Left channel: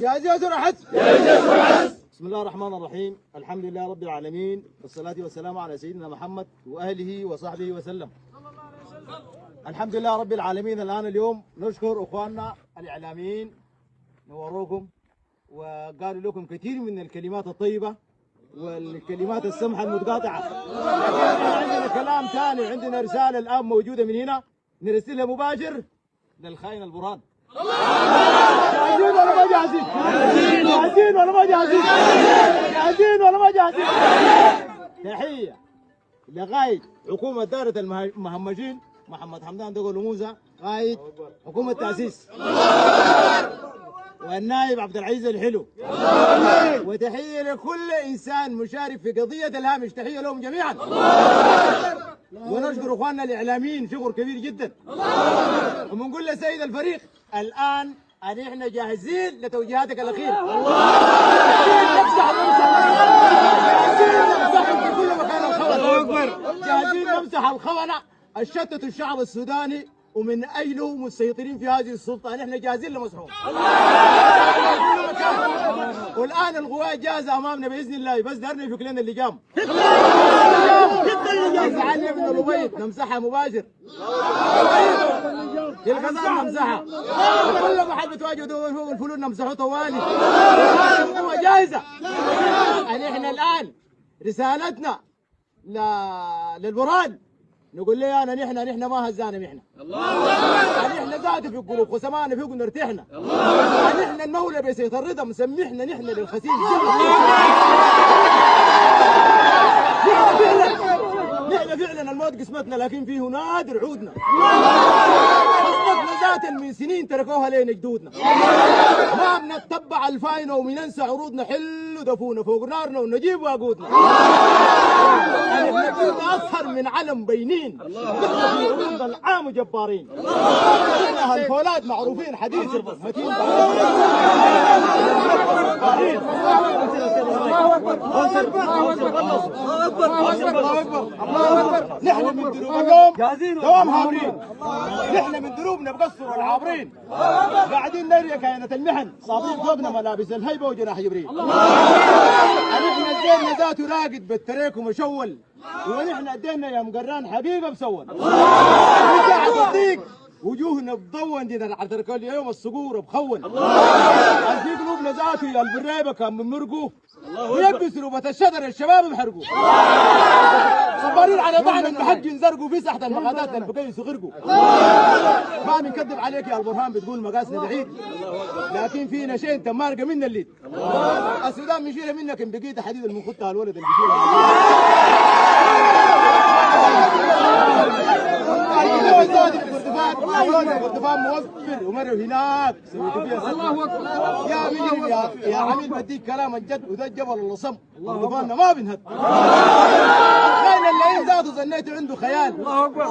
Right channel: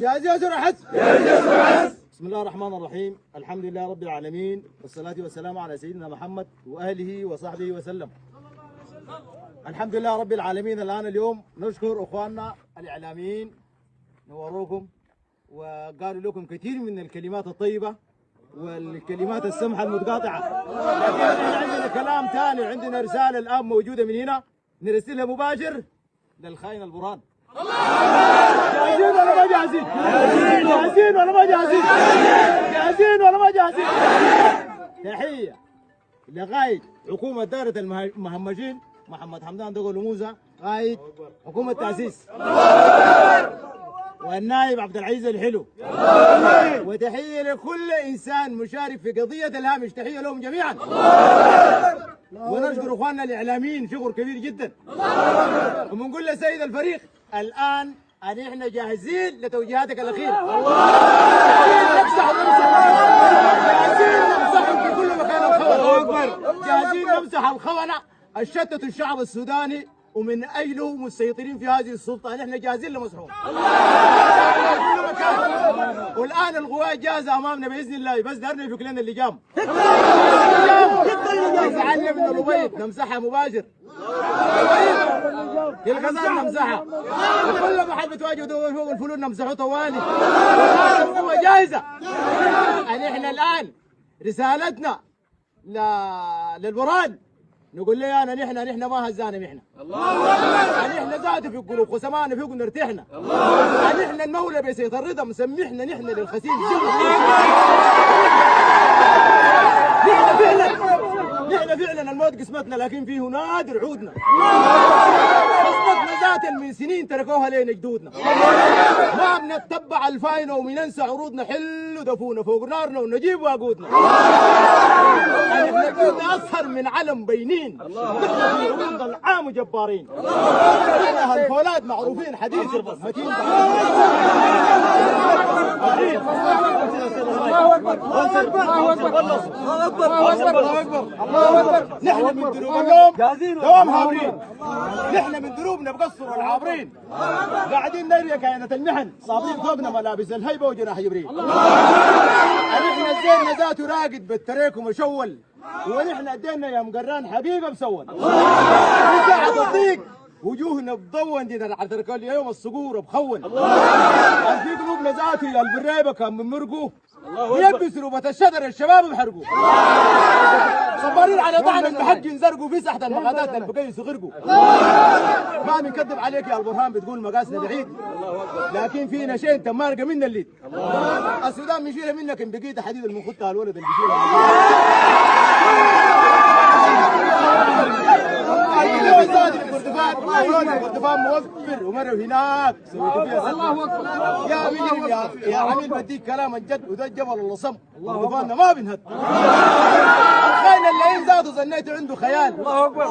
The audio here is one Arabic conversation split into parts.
جاهزين يا حس. بسم الله الرحمن الرحيم، الحمد لله رب العالمين، والصلاة والسلام على سيدنا محمد وأهله وصحبه وسلم. الحمد لله رب العالمين. الآن اليوم نشكر أخواننا الإعلاميين، نوروكم وقالوا لكم كثير من الكلمات الطيبة والكلمات السمحة المتقاطعة، لكن عندنا كلام ثاني وعندنا رسالة الآن موجودة من هنا نرسلها مباشر للخاين البرهان. جاهزين ولا ما جاهزين؟ جاهزين ولا ما جاهزين؟ جاهزين ولا ما جاهزين؟ تحية لقائد حكومة دائرة المهمشين محمد حمدان دقل موسى، قائد حكومة تأسيس، والنائب عبد العزيز الحلو، وتحية لكل إنسان مشارك في قضية الهامش، تحية لهم جميعا. ونشكر اخواننا الاعلاميين شكر كبير جدا، وبنقول لسيد الفريق الان ان احنا جاهزين لتوجيهاتك الاخيره. جاهزين نمسحهم في كل مكان الخونه، جاهزين نمسح الخونه الشتتوا الشعب السوداني ومن اجله مسيطرين في هذه السلطه، نحن جاهزين لمسحهم. والان القوات جاهزه امامنا باذن الله، بس دارنا يفك لنا اللجام. نزعلنا من الربيب نمسحها مباشر، في الغزال نمسحها، وكل محل بتواجهوا فوق الفلول نمسحه طوالي. والان القوه جاهزه. احنا الان رسالتنا للبرهان نقول له انا نحن ما هزانا نحن. نحن ذاته في القلوب وسمعنا فيكم نرتحنا. نحن المولى بسيط الرضا مسمحنا نحن للخسيس. نحن فعلا الموت قسمتنا، لكن فيه نادر عودنا. قسمتنا ذاتا من سنين تركوها لنا جدودنا. ما بنتبع الفاينه ومننسى عروضنا، حلوا دفونا فوق نارنا ونجيب واقودنا. نحن كنا اصهر من علم بينين، نحن في عروض العام جبارين. نحن هالفولاد معروفين حديث المتين. نحن من دروب اليوم دوام هابرين، نحن من دروبنا بقصر العابرين، قاعدين نري كائنة المحن، صابين فوقنا ملابس الهيبة وجناح جبريل. نحن الزين ذاته راقد بالتريك ومشول، ونحن ادينا يا مقران حقيقة مسول. ساعة الضيق وجوهنا بضون دي نعترك اليوم الصقور بخون. في قلوبنا ذاته يا البريبه كان من مرقوه ويلبسوا ربة الشجر الشباب بحرقوا. صبارين على طعن المحج زرقوا في ساحة المقادات البقيس غرقوا. ما بنكذب عليك يا البرهان بتقول مقاسنا بعيد، لكن فينا شيء انت مارقه منا الليد. السودان بنشيلها منك ان بقيت حديد المنخطه الولد اللي بيشيلها. الكردفان موفر ومروا هناك سويتوا فيها سلم. يا مجرم يا عميل بديك كلام الجد، وده الجبل اللي صم كردفاننا ما بنهد. الخاين اللي زاده ظنيته عنده خيال،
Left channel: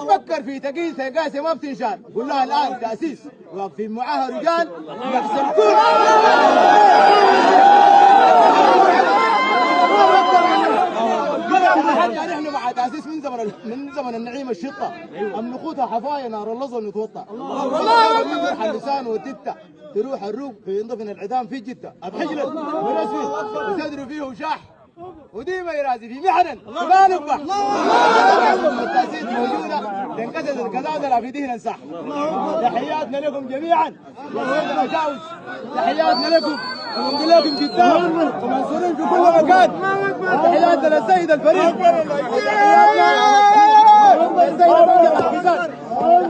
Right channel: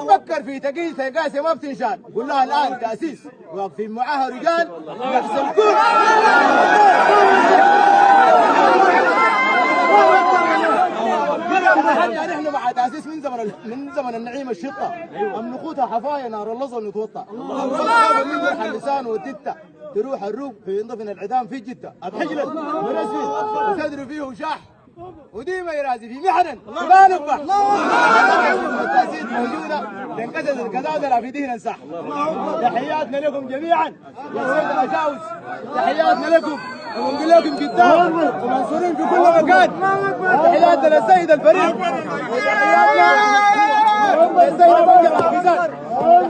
فكر في تقيسه قاسه ما بتنشال. قول لها الان تاسيس واقفين معاها رجال يحسبون. نحن مع تاسيس من زمن النعيم الشطه، املقوتها حفايا نار اللظه نتوطى. من جرح اللسان والتته تروح الروق في ينضفن العدام في جده، بحجله من اسفل وتدري فيه وشاح وديما يرازي في محن ما نفح. التاسيس موجوده لانكسرت الكذاذر في دهن الساح. تحياتنا لكم جميعا يا سيد الاشاوس، تحياتنا لكم ونقول لكم قدام ومنصورين في كل مكان. تحياتنا للسيد الفريق، وتحياتنا للسيد بكر الحسان.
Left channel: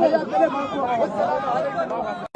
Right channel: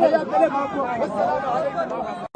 تحياتنا لكم والسلام عليكم.